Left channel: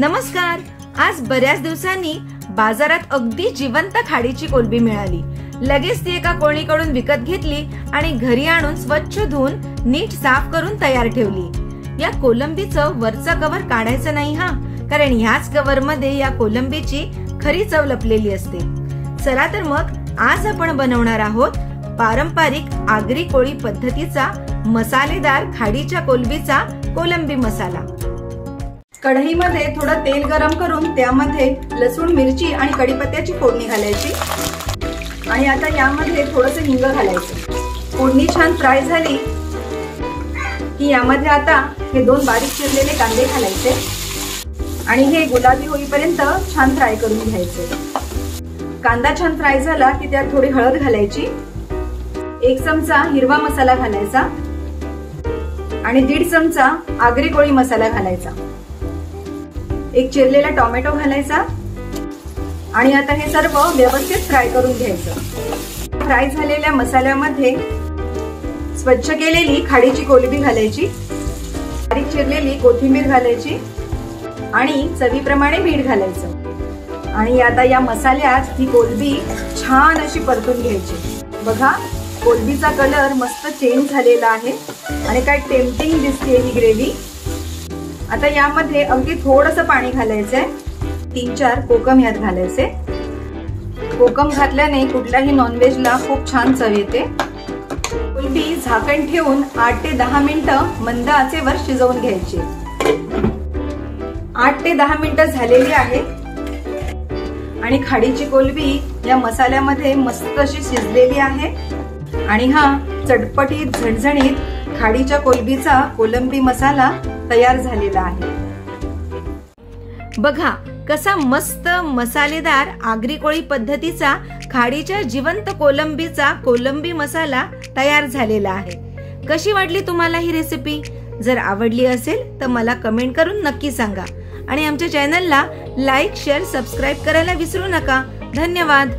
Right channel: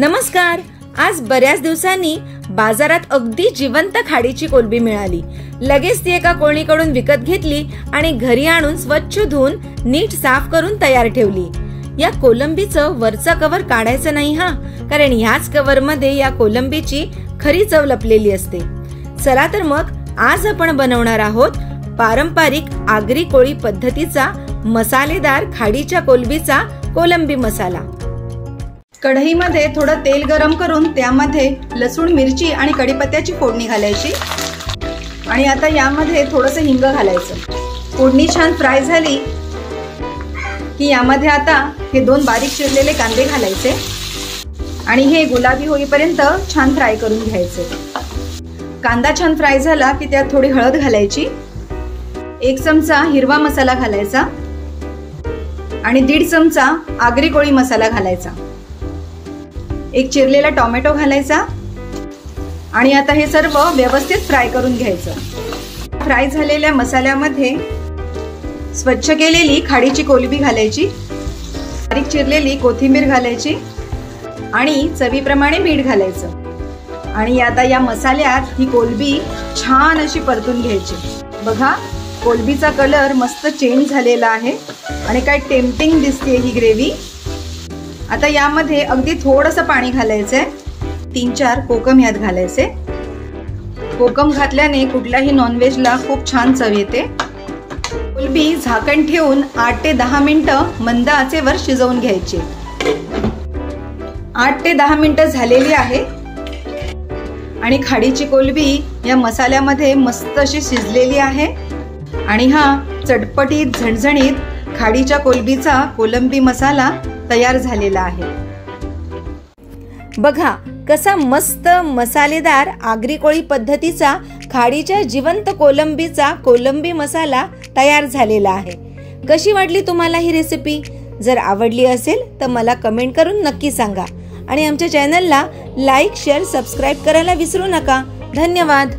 नमस्कार। आज बऱ्याच दिवसांनी बाजारात अगदी जिवंत खाडीची कोलंबी मिळाली। लगेच ती एका कोळीकडून विकत घेतली आणि घरी आणून स्वच्छ धुवून नीट साफ करून तयार ठेवली। या कोलंबीचं वरचं कव्हर काढायचं नाही हा, कारण ह्याच कव्हर मध्ये या कोलंबीची खरी चव लपलेली असते। चला तर मग आज आपण बनवणार आहोत पारंपरिक आगरी कोळी पद्धतीचा मसालेदार खाडीच्या कोलंबीचा कोलंबी मसाला। कढईमध्ये थोडं तेल गरम करून त्यामध्ये लसूण, मिरची आणि कढीपत्त्याची फोडणी घालायची आणि आता यामध्ये थोडंसं हिंग घालायचं। फोडणी छान फ्राय झाली की यामध्ये आता हे 2 बारीक चिरलेले कांदे घालायचे आणि हे गुलाबी होईपर्यंत छान फ्राय करून घ्यायचे। कांदा छान फ्राय झाला की त्यात थोडी हळद घालायची, 1 चमचा हिरवा मसाला घालायचा आणि 1.5 चमचा आगरी कोळी मसाला घालायचा। 1 चिरलेला टोमॅटो घालायचा आणि आता हे सर्व व्यवस्थित फ्राय करून घ्यायचं। फ्राय झालेल्या मसाल्यामध्ये स्वच्छ केलेली खाडीची कोलंबी घालायची, बारीक चिरलेली कोथिंबीर घालायची आणि चवीप्रमाणे मीठ घालायचं आणि आता या मसाल्यात ही कोलंबी छान अशी परतून घ्यायची। बघा, कोलंबीचा कलर मस्त चेंज झालेला आहे आणि काय टेम्पटिंग दिसते ही ग्रेव्ही। आता यामध्ये अगदी थोडंसं पाणी घालायचंय, 3-4 कोकम यात घालायचे। कोकम घातल्याने कुठल्याही नॉनव्हेजला खूप छान चव येते। कोलंबी झाकण ठेवून 8 ते 10 मिनिटं मंद आचेवर शिजवून घ्यायची। 8 ते 10 मिनिटं झालेली आहे आणि खाडीची कोलंबी या मसाल्यामध्ये मस्त अशी शिजलेली आहे आणि हा चटपटीत झणझणीत खाडीच्या कोलंबीचा कोलंबी मसाला तयार झालेला आहे। बघा कसा मस्त मसालेदार आगरी कोळी पद्धतीचा खाडीच्या जिवंत कोलंबीचा कोलंबी मसाला तयार झालेला आहे। कशी वाटली तुम्हाला ही रेसिपी? जर आवडली असेल तर मला कमेंट करून नक्की सांगा आणि आमच्या चॅनलला लाईक, शेअर, सबस्क्राईब करायला विसरू नका। धन्यवाद।